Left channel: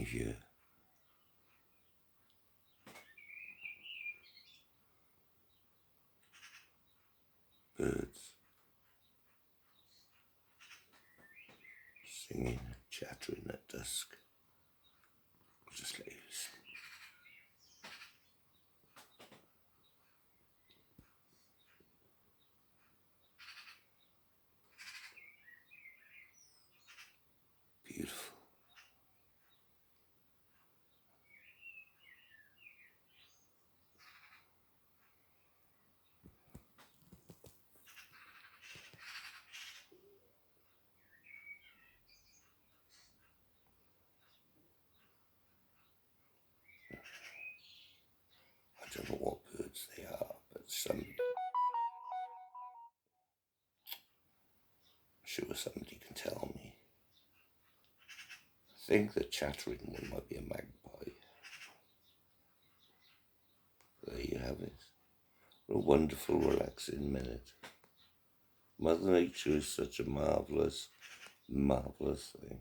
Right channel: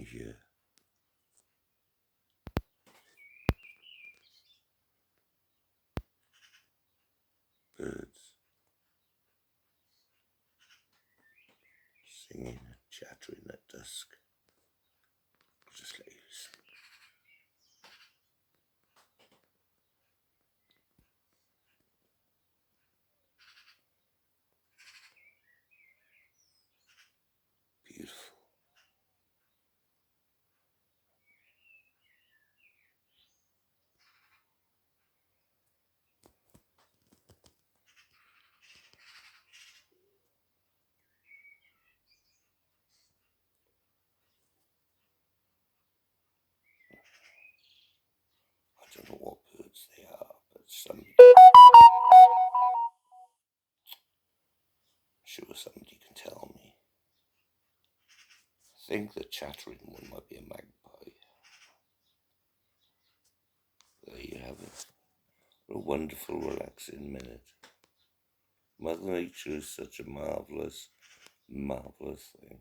you hear birds singing and chattering at dusk. I'll just let you listen. Beautiful. I don't know what birds they are, but somebody, I'm sure somebody can tell me. I think the chattering one might be a magpie. There you have it. What a wonderful, relaxing minute. Mother Nature is such a marvellous, marvellous thing.